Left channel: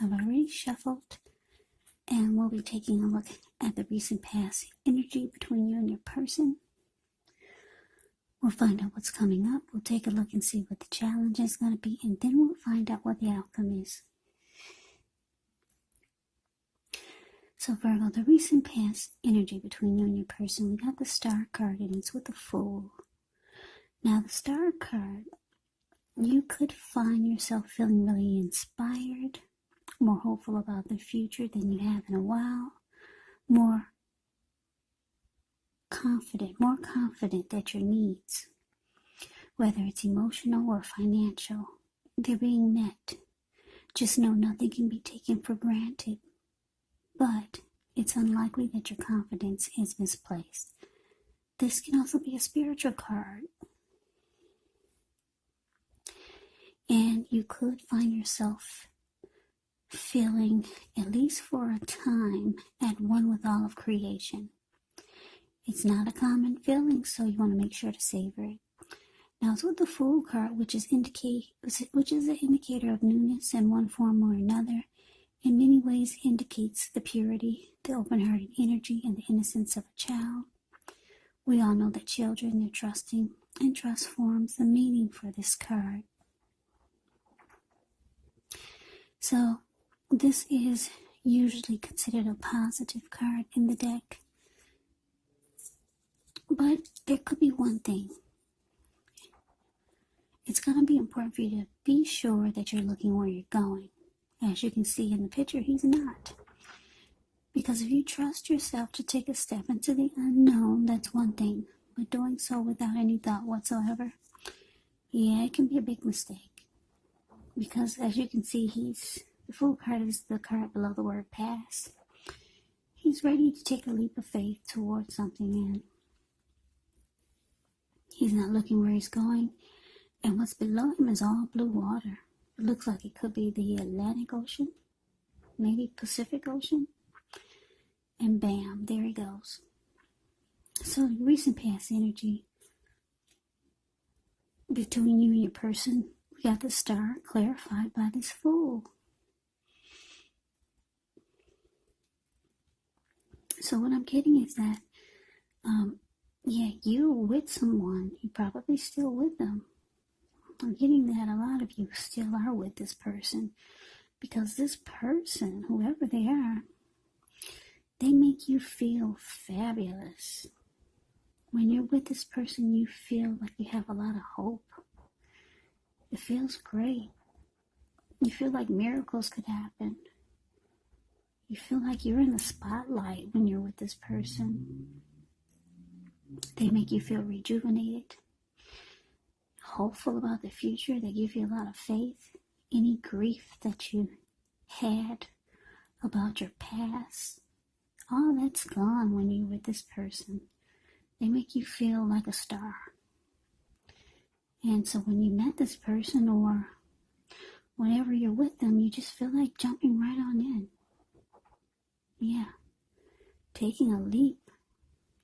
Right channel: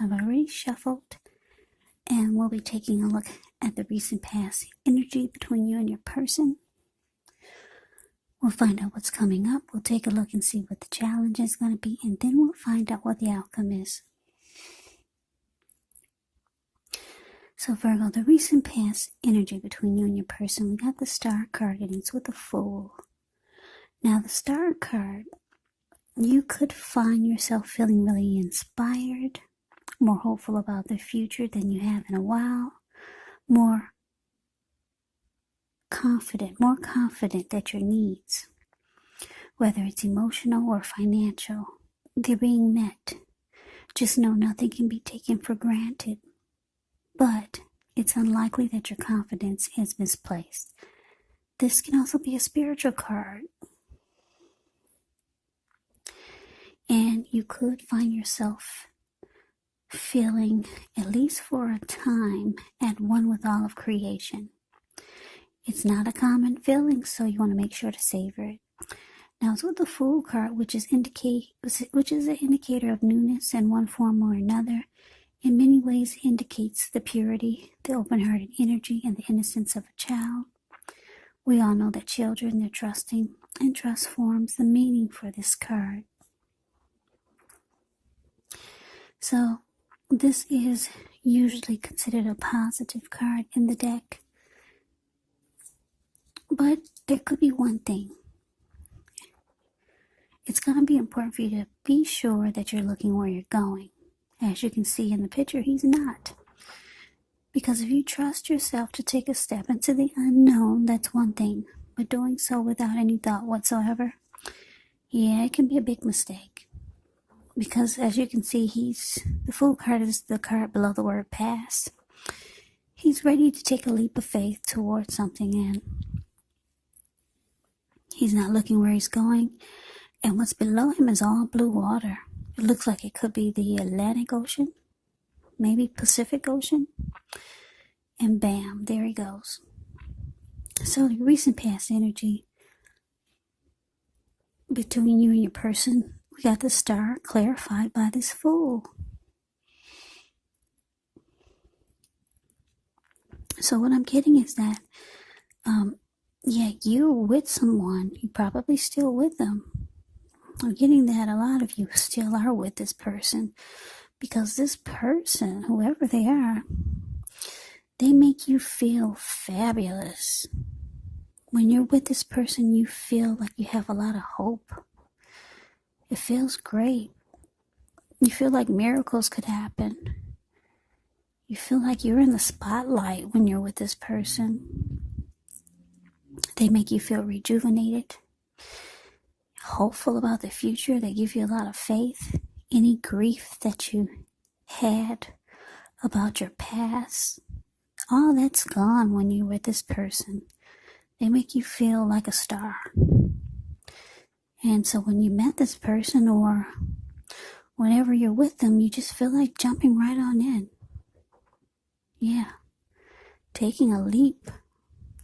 I've already shuffled, and we'll be taking a look at the recent past energy between you and your person. We'll find out what's coming up. We'll take a look and see what the challenge is going to be, and then we'll find out what the outcome is. So Virgo, the recent past energy between you and your person, we got the Star card, and it's with the Fool. Now, the Star card, you could find yourself feeling really inspired, more hopeful about the future than you have in a while, more confident that your needs, whether it's emotional or financial, they're being met. Just know nothing can be taken for granted, but it's unlikely that your confidence is misplaced. This can also be a spiritual card, and you could find yourself feeling, at least for a time, at one with all of creation. It's not a common feeling, so you want to make sure to savor it. Now, it's with the Fool card, which is an indicator of newness in one form or another. In many ways, it indicates the purity, the open-hearted energy, and the innocence of a child. We all know that children, they're trusting, and trust forms the meaning for this card. So, this is usually considered a positive card in the deck. But there could be one thing. It's going to be important for you to be sure that you're looking where you're going. As you can see in the picture, he's not. Because if you trust yourself to take a step into the unknown, that's one thing. But doing so without any thought whatsoever, yeah, it can be a big mistake. Because as you can see, the Fool card is the card below the word pass. He's ready to take a leap of faith towards something, and he's not looking where he's going. And what's below him is all blue water. It looks like it could be the Atlantic Ocean, maybe Pacific Ocean. And bam, there he goes. So the recent past energy between you and your person, we got the Star clarified by this Fool. So what I'm getting is that, you're with someone. You're probably still with them. I'm getting that a lot of you still are with this person, because this person, whoever they are, they make you feel fabulous. When you're with this person, you feel like you have a lot of hope. It feels great. You feel like miracles could happen. You feel like you're in the spotlight when you're with this person. They make you feel rejuvenated, hopeful about the future. They give you a lot of faith. Any grief that you had about your past, all that's gone when you're with this person. They make you feel like a star. And so when you met this person, or whenever you're with them, you just feel like jumping right on in. Yeah. Taking a leap.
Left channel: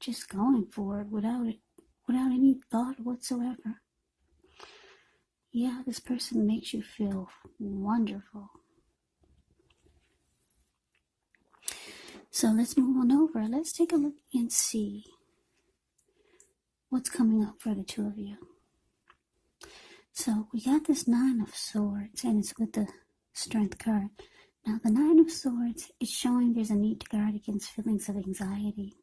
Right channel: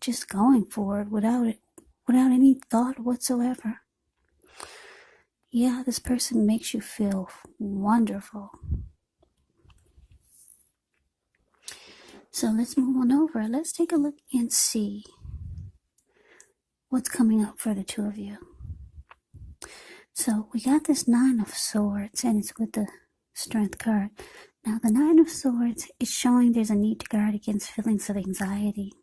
Just going forward without any thought whatsoever. Yeah, this person makes you feel wonderful. So let's move on over. Let's take a look and see what's coming up for the two of you. So we got this Nine of Swords, and it's with the Strength card. Now the Nine of Swords is showing there's a need to guard against feelings of anxiety.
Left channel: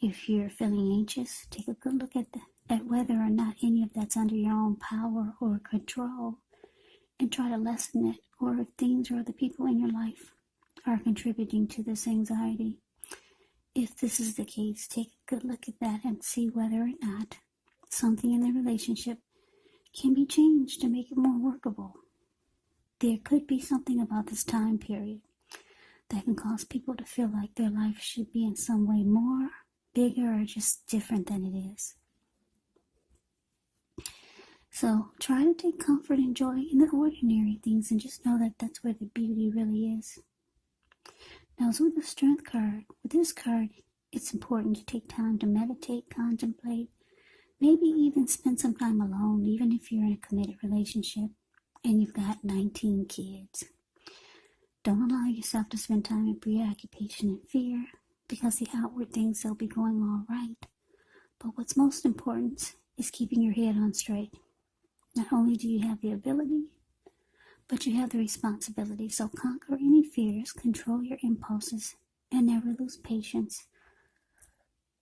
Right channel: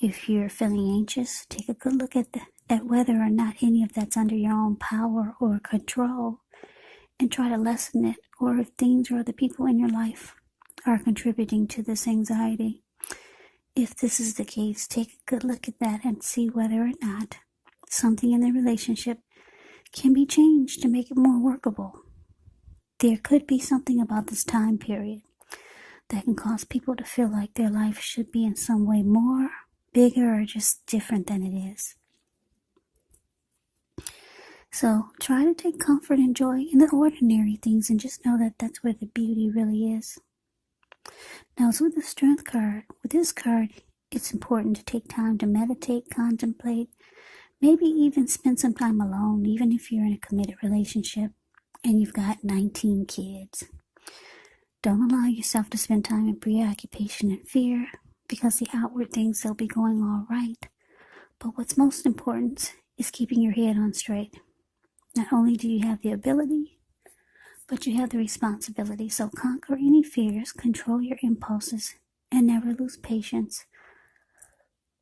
If you're feeling anxious, take a good look at whether or not any of that's under your own power or control, and try to lessen it, or if things or the people in your life are contributing to this anxiety. If this is the case, take a good look at that and see whether or not something in the relationship can be changed to make it more workable. There could be something about this time period that can cause people to feel like their life should be in some way more, bigger, or just different than it is. So try to take comfort and joy in the ordinary things, and just know that that's where the beauty really is. Now, it's with the Strength card. With this card, it's important to take time to meditate, contemplate, maybe even spend some time alone, even if you're in a committed relationship and you've got 19 kids. Don't allow yourself to spend time in preoccupation and fear, because the outward things, they'll be going all right. But what's most important is keeping your head on straight. Not only do you have the ability, but you have the responsibility. So conquer any fears, control your impulses, and never lose patience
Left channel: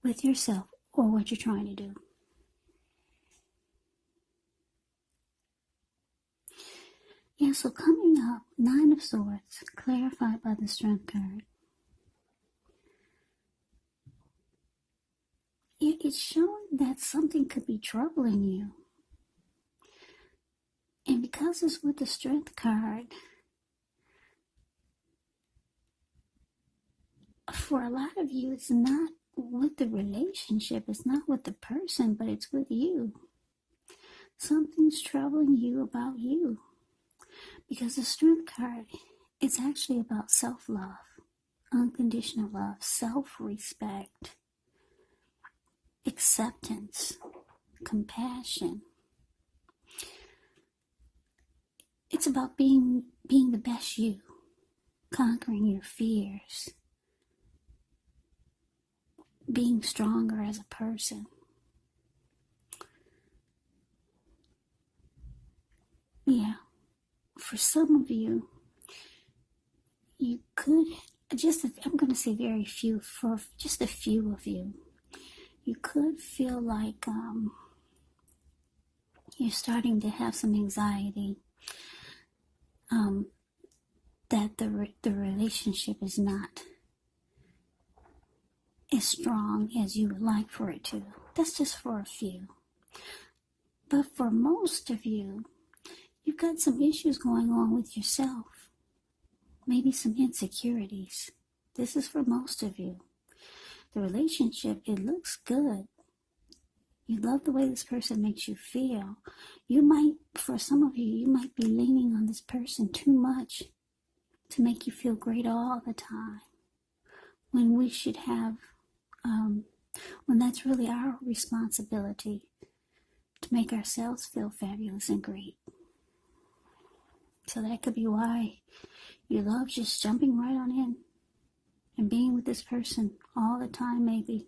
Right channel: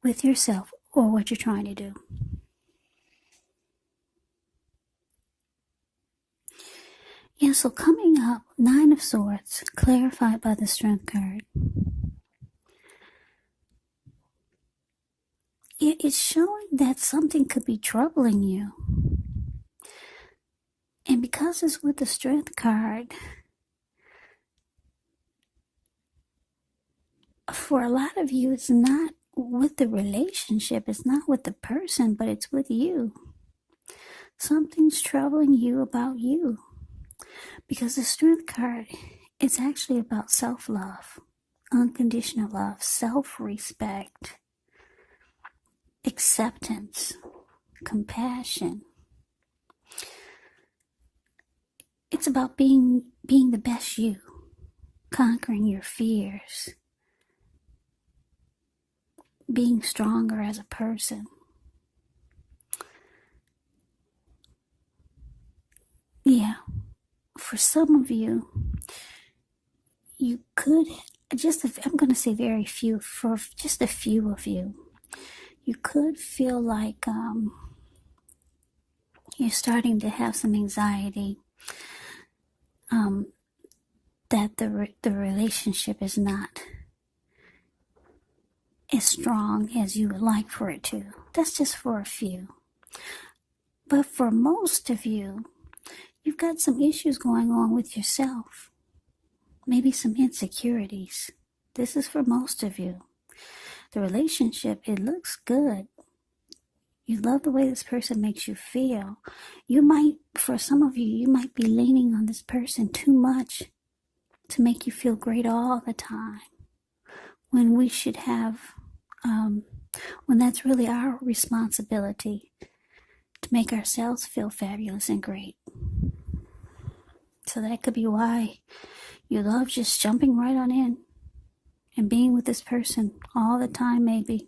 with yourself or what you're trying to do. Yeah, so coming up, Nine of Swords, clarified by the Strength card. It's showing that something could be troubling you. And because it's with the Strength card, for a lot of you, it's not with the relationship, it's not with the person, but it's with you. Something's troubling you about you. Because the Strength card, it's actually about self-love, unconditional love, self-respect, acceptance, compassion. It's about being the best you, conquering your fears, being stronger as a person. Yeah, for some of you, you could, I'm going to say very few, for just a few of you, you could feel like you're starting to have some anxiety, that the relationship is not as strong as you would like for it to. That's just for a few. But for most of you, you've got some issues going on with yourself. Maybe some insecurities. This is for most of you. The relationship, it looks good. You love the way this person makes you feel. For some of you, you might be leaning on this person too much to make you feel great all the time. When we should have, when that's really our responsibility to make ourselves feel fabulous and great. So that could be why you love just jumping right on in and being with this person all the time, maybe.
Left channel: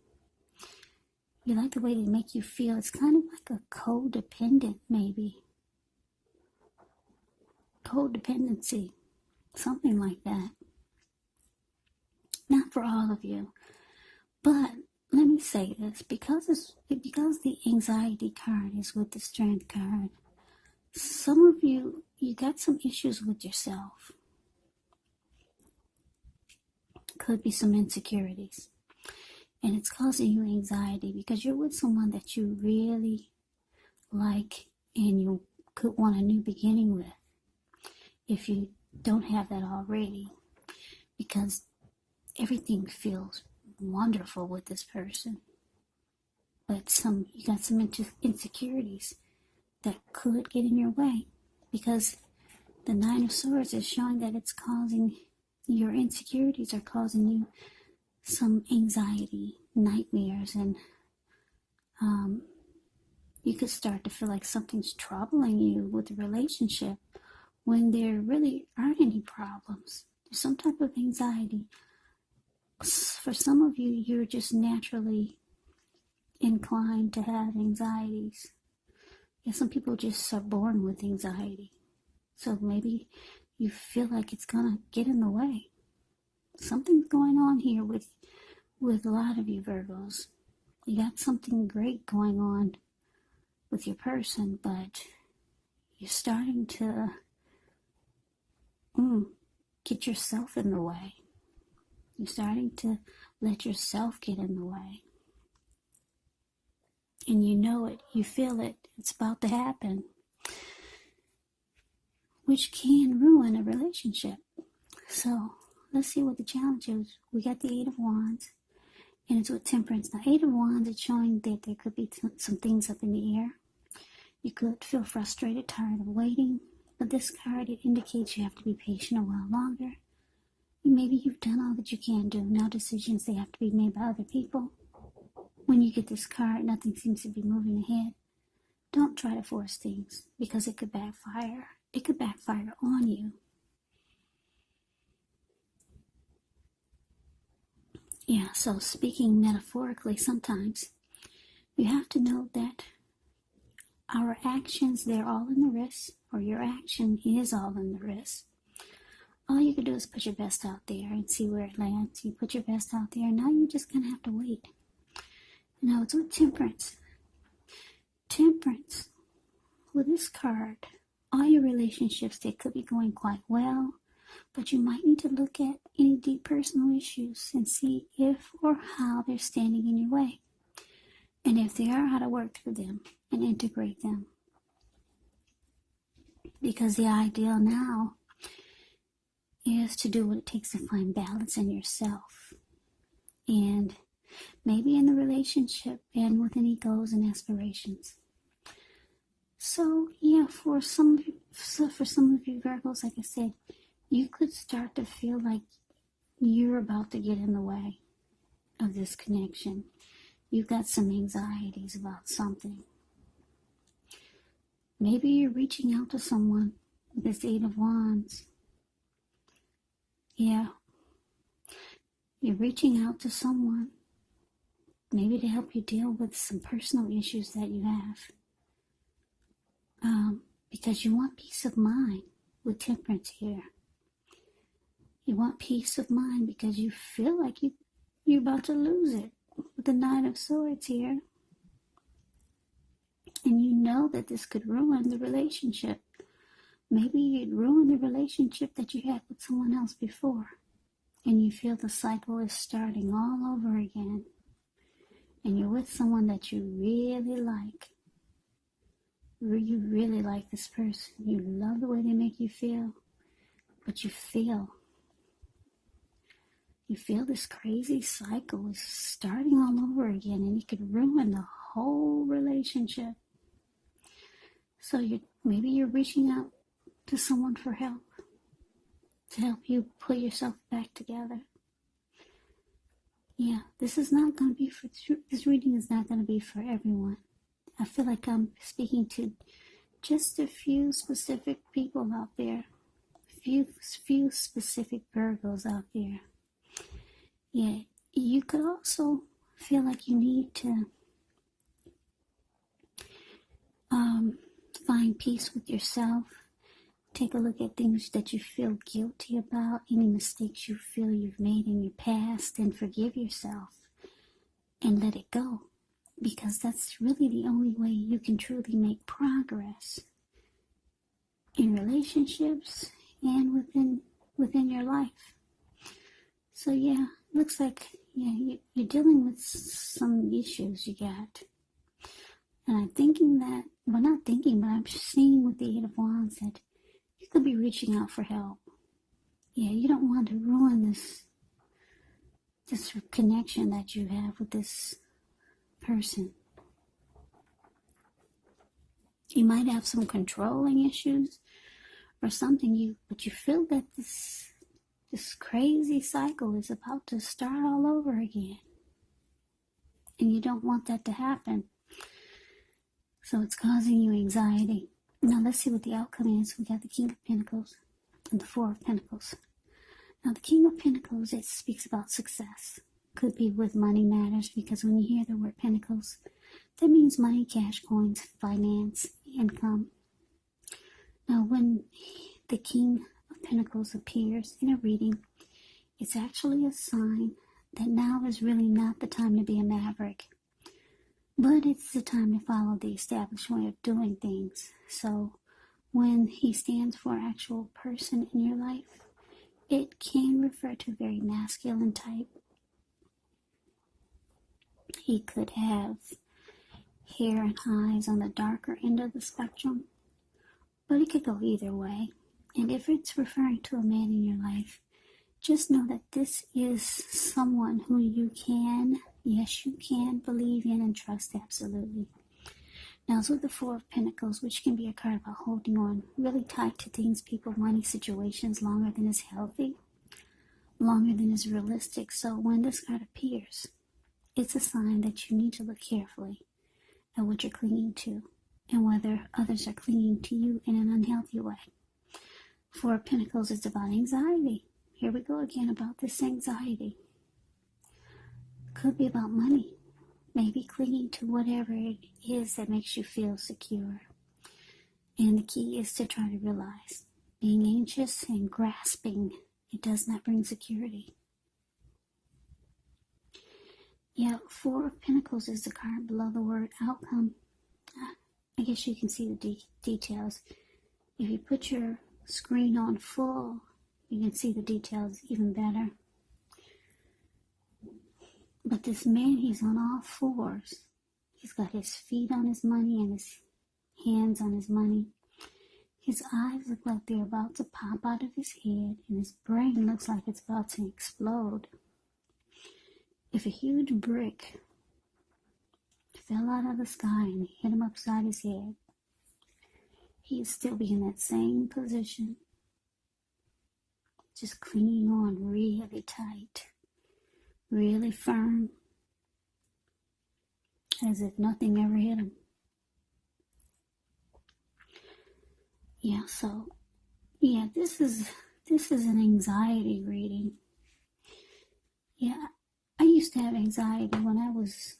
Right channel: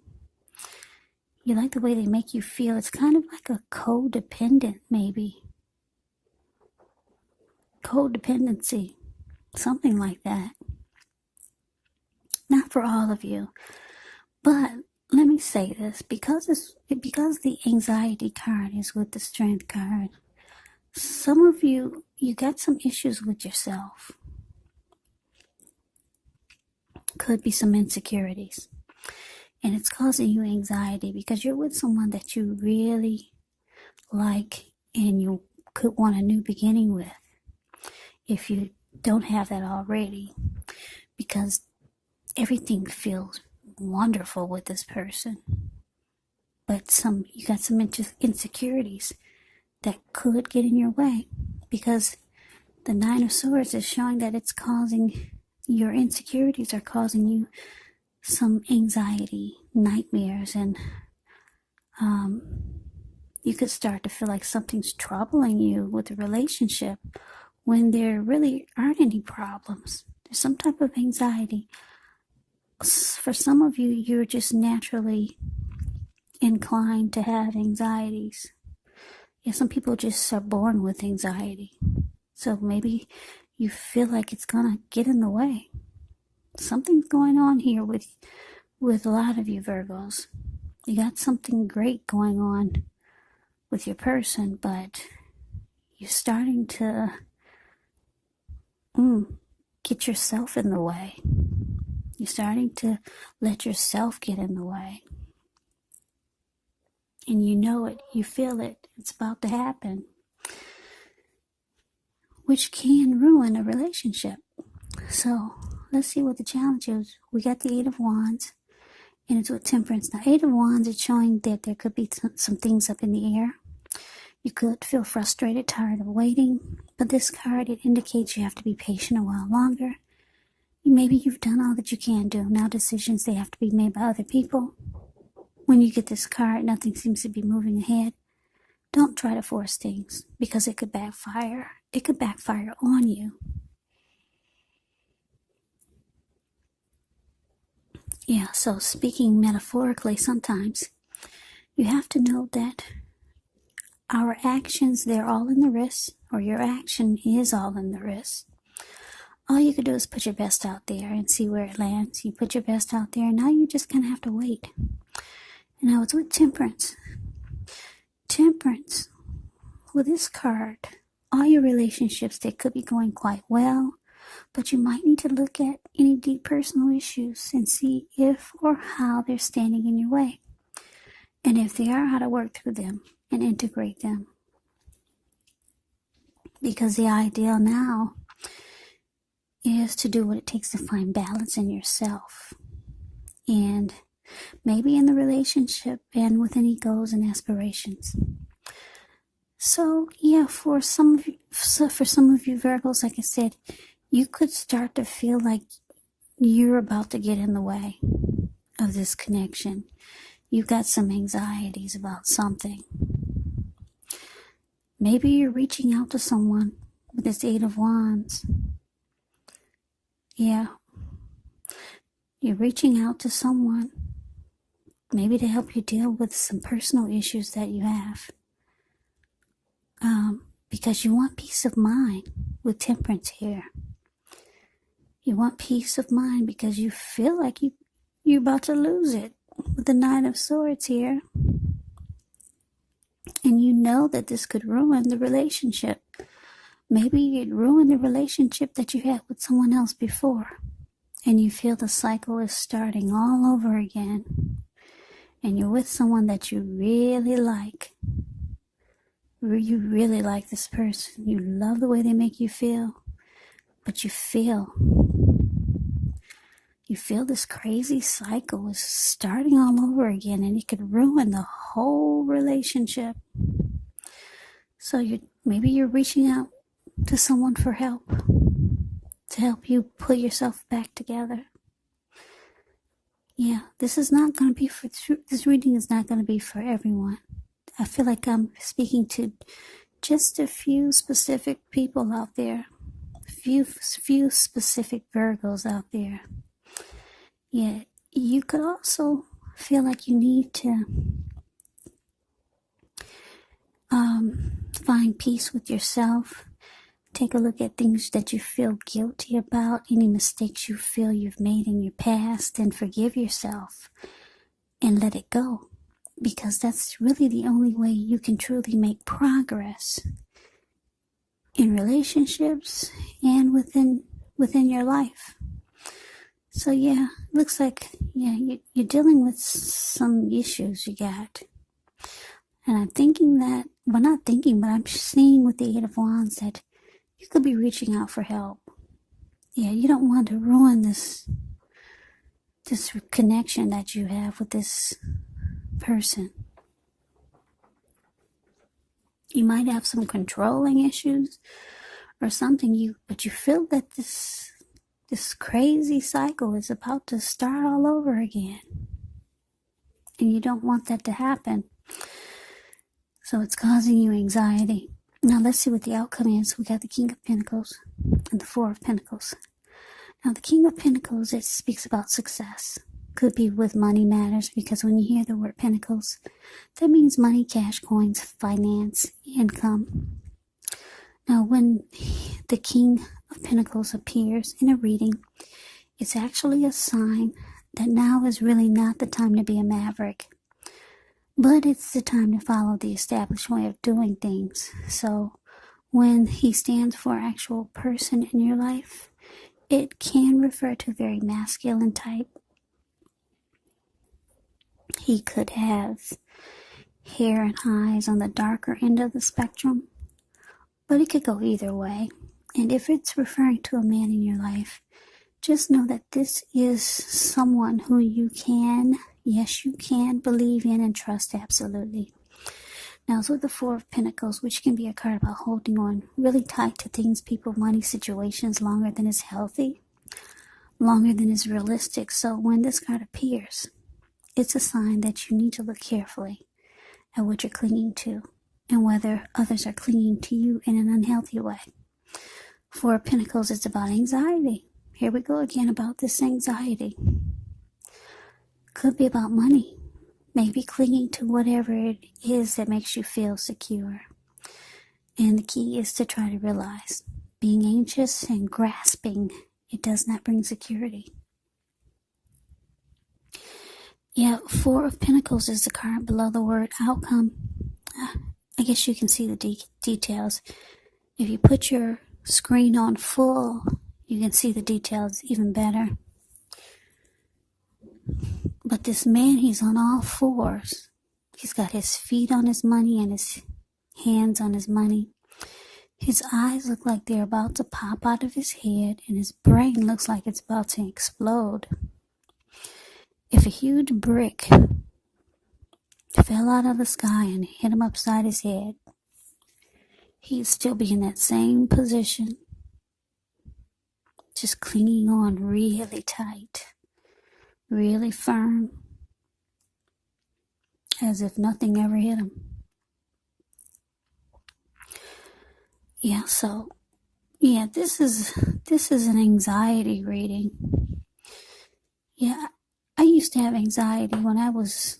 You like the way they make you feel. It's kind of like a codependent, maybe. Codependency. Something like that. Not for all of you. But let me say this. Because the anxiety card is with the Strength card, some of you got some issues with yourself. Could be some insecurities. And it's causing you anxiety because you're with someone that you really like and you could want a new beginning with, if you don't have that already, because everything feels wonderful with this person. But you got some insecurities that could get in your way, because the Nine of Swords is showing that your insecurities are causing you some anxiety, nightmares, and you could start to feel like something's troubling you with the relationship when there really aren't any problems. There's some type of anxiety. For some of you, you're just naturally inclined to have anxieties. Yeah, some people just are born with anxiety. So maybe you feel like it's gonna get in the way. Something's going on here with a lot of you Virgos. You got something great going on with your person, but you're starting to get yourself in the way. You're starting to let yourself get in the way. And you know it, you feel it, it's about to happen, which can ruin a relationship. So let's see what the challenge is. We got the Eight of Wands, and it's with Temperance. Now, Eight of Wands is showing that there could be some things up in the air. You could feel frustrated, tired of waiting, but this card, it indicates you have to be patient a while longer. Maybe you've done all that you can do. Now decisions, they have to be made by other people. When you get this card, nothing seems to be moving ahead. Don't try to force things, because it could backfire. It could backfire on you. Yeah, so speaking metaphorically, sometimes you have to know that our actions, they're all in the wrist, or your action is all in the wrist. All you can do is put your best out there and see where it lands. You put your best out there, and now you just kind of have to wait. And now it's with temperance. Temperance, with this card, all your relationships, they could be going quite well, but you might need to look at any deep personal issues and see if or how they're standing in your way. And if they are, how to work through them and integrate them. Because the ideal now is to do what it takes to find balance in yourself. And maybe in the relationship and with any goals and aspirations. So yeah, for some of you Virgos, like I said, you could start to feel like you're about to get in the way of this connection. You've got some anxieties about something. Maybe you're reaching out to someone with this Eight of Wands. Yeah. You're reaching out to someone, maybe to help you deal with some personal issues that you have. Because you want peace of mind with temperance here. You want peace of mind because you feel like you're about to lose it with the Nine of Swords here. And you know that this could ruin the relationship. Maybe you'd ruin the relationship that you had with someone else before. And you feel the cycle is starting all over again. And you're with someone that you really like. You really like this person. You love the way they make you feel. But you feel this crazy cycle is starting all over again, and it could ruin the whole relationship. So maybe you're reaching out to someone for help, to help you put yourself back together. Yeah, this reading is not going to be for everyone. I feel like I'm speaking to just a few specific people out there, few specific Virgos out there. Yeah, you could also feel like you need to find peace with yourself. Take a look at things that you feel guilty about, any mistakes you feel you've made in your past, and forgive yourself and let it go. Because that's really the only way you can truly make progress in relationships and within your life. So yeah, looks like you're dealing with some issues you got. And I'm thinking that, well, not thinking, but I'm seeing with the Eight of Wands that you could be reaching out for help. Yeah, you don't want to ruin this connection that you have with this person. You might have some controlling issues or something, but you feel that this crazy cycle is about to start all over again. And you don't want that to happen. So it's causing you anxiety. Now let's see what the outcome is. We got the King of Pentacles and the Four of Pentacles. Now the King of Pentacles, it speaks about success. Could be with money matters, because when you hear the word Pentacles, that means money, cash, coins, finance, income. Now when the King of Pentacles appears in a reading, it's actually a sign that now is really not the time to be a maverick. But it's the time to follow the established way of doing things. So when he stands for actual person in your life, it can refer to a very masculine type. He could have hair and eyes on the darker end of the spectrum, but it could go either way. And if it's referring to a man in your life, just know that this is someone who you can believe in and trust absolutely. Now it's with the Four of Pentacles, which can be a card about holding on really tight to things, people, money, situations longer than is healthy, longer than is realistic. So when this card appears, it's a sign that you need to look carefully at what you're clinging to and whether others are clinging to you in an unhealthy way. Four of Pentacles is about anxiety. Here we go again about this anxiety. Could be about money. Maybe clinging to whatever it is that makes you feel secure. And the key is to try to realize being anxious and grasping, it does not bring security. Yeah, Four of Pentacles is the card below the word outcome. I guess you can see the details. If you put your screen on full, you can see the details even better. But this man, he's on all fours. He's got his feet on his money and his hands on his money. His eyes look like they're about to pop out of his head, and his brain looks like it's about to explode. If a huge brick fell out of the sky and hit him upside his head, he'd still be in that same position, just clinging on really tight, really firm, as if nothing ever hit him. Yeah, so, yeah, this is an anxiety reading. Yeah, I used to have anxiety when I was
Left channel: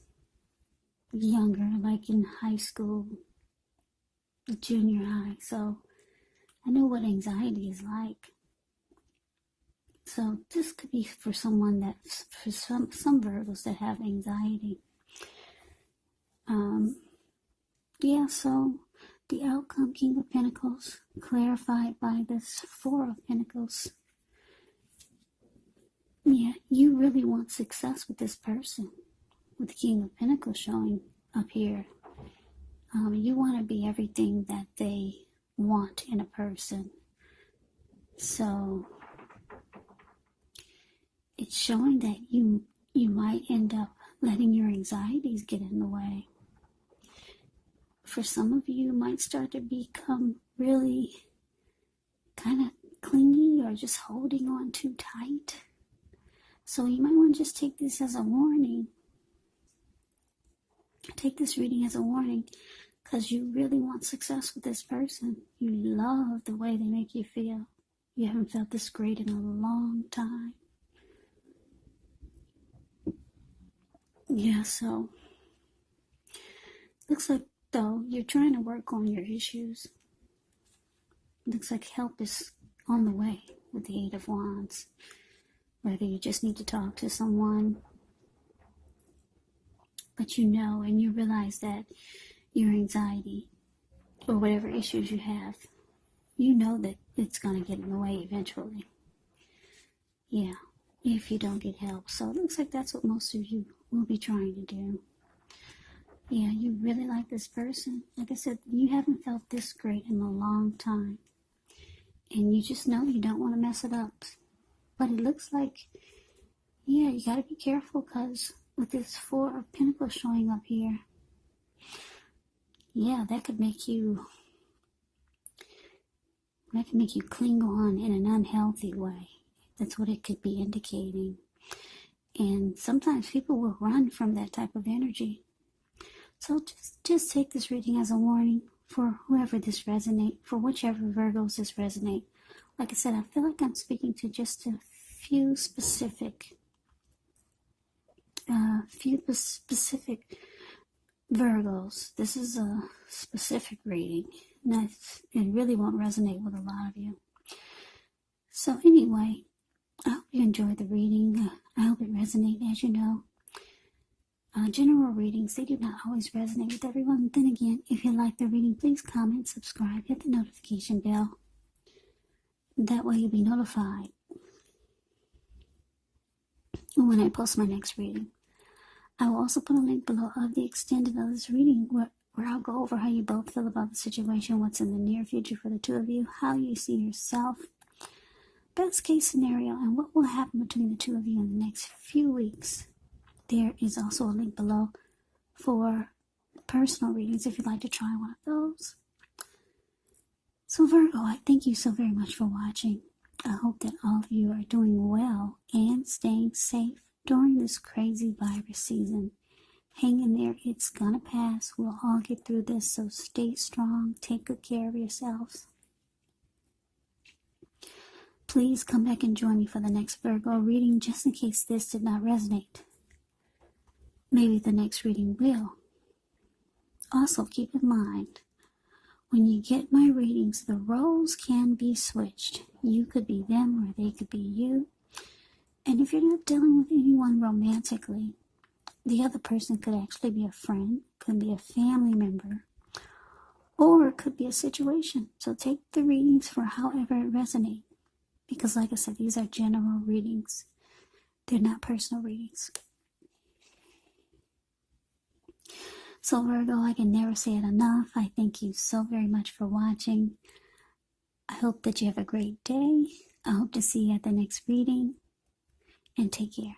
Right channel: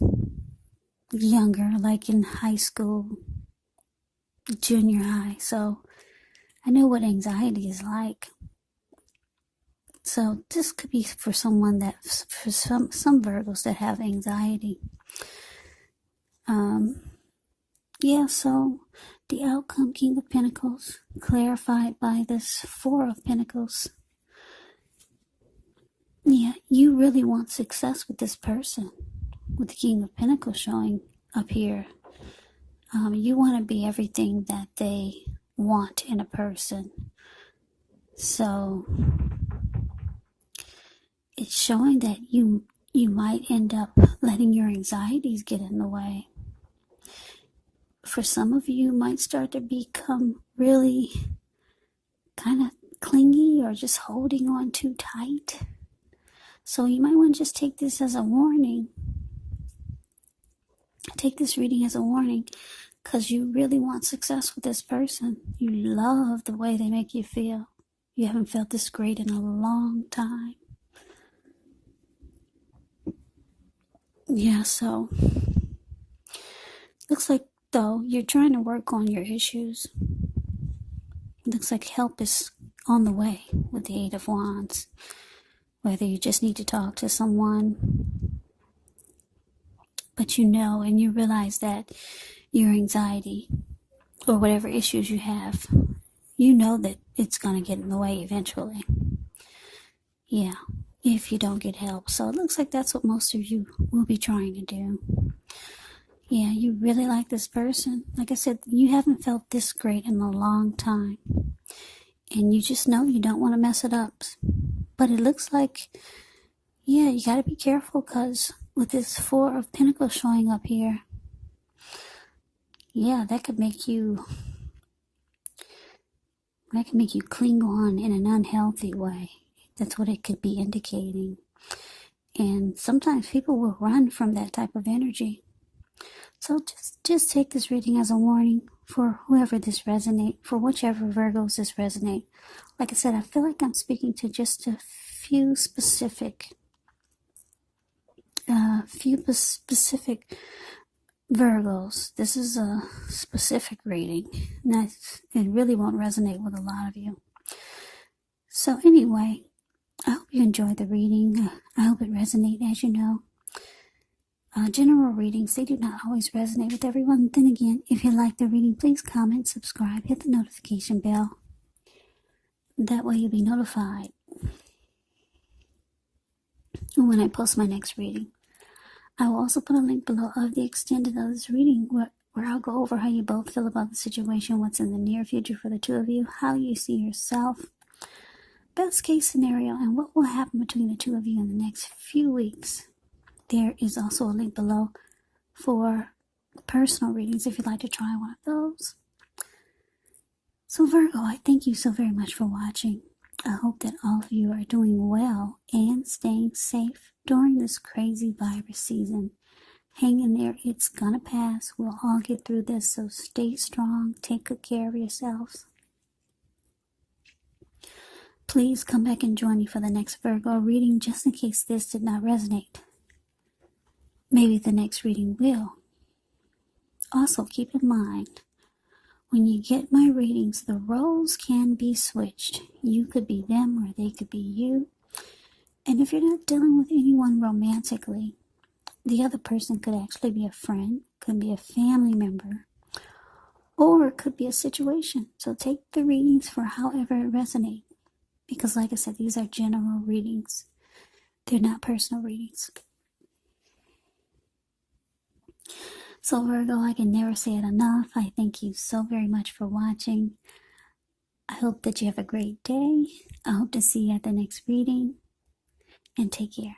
younger, like in high school, junior high, so I know what anxiety is like. So this could be for someone that, for some Virgos that have anxiety. Yeah, so the outcome, King of Pentacles, clarified by this Four of Pentacles. Yeah, you really want success with this person, with the King of Pentacles showing up here. You want to be everything that they want in a person. So it's showing that you might end up letting your anxieties get in the way. For some of you, might start to become really kind of clingy or just holding on too tight. So you might want to just take this as a warning. Take this reading as a warning, because you really want success with this person. You love the way they make you feel. You haven't felt this great in a long time. Yeah, so looks like, though, you're trying to work on your issues. Looks like help is on the way with the Eight of Wands. Whether you just need to talk to someone, but you know and you realize that your anxiety or whatever issues you have, you know that it's going to get in the way eventually. Yeah, if you don't get help. So it looks like that's what most of you will be trying to do. Yeah, you really like this person. Like I said, you haven't felt this great in a long time. And you just know you don't want to mess it up. But it looks like, yeah, you got to be careful, because with this Four of Pentacles showing up here, yeah, that could make you cling on in an unhealthy way. That's what it could be indicating. And sometimes people will run from that type of energy. So just take this reading as a warning for whoever this resonate, for whichever Virgos this resonate. Like I said, I feel like I'm speaking to just a few specific Virgos. This is a specific reading. It really won't resonate with a lot of you. So anyway, I hope you enjoyed the reading. I hope it resonated. As you know, general readings, they do not always resonate with everyone. Then again, if you like the reading, please comment, subscribe, hit the notification bell. That way you'll be notified when I post my next reading. I will also put a link below of the extended of this reading where I'll go over how you both feel about the situation, what's in the near future for the two of you, how you see yourself, best case scenario, and what will happen between the two of you in the next few weeks. There is also a link below for personal readings if you'd like to try one of those. So Virgo, I thank you so very much for watching. I hope that all of you are doing well and staying safe during this crazy virus season. Hang in there. It's gonna pass. We'll all get through this, so stay strong. Take good care of yourselves. Please come back and join me for the next Virgo reading, just in case this did not resonate. maybe the next reading will. Also, keep in mind, when you get my readings, the roles can be switched. You could be them or they could be you. And if you're not dealing with anyone romantically, the other person could actually be a friend, could be a family member, or it could be a situation. So take the readings for however it resonates. Because like I said, these are general readings. They're not personal readings. So Virgo, I can never say it enough. I thank you so very much for watching. I hope that you have a great day. I hope to see you at the next reading. And take care.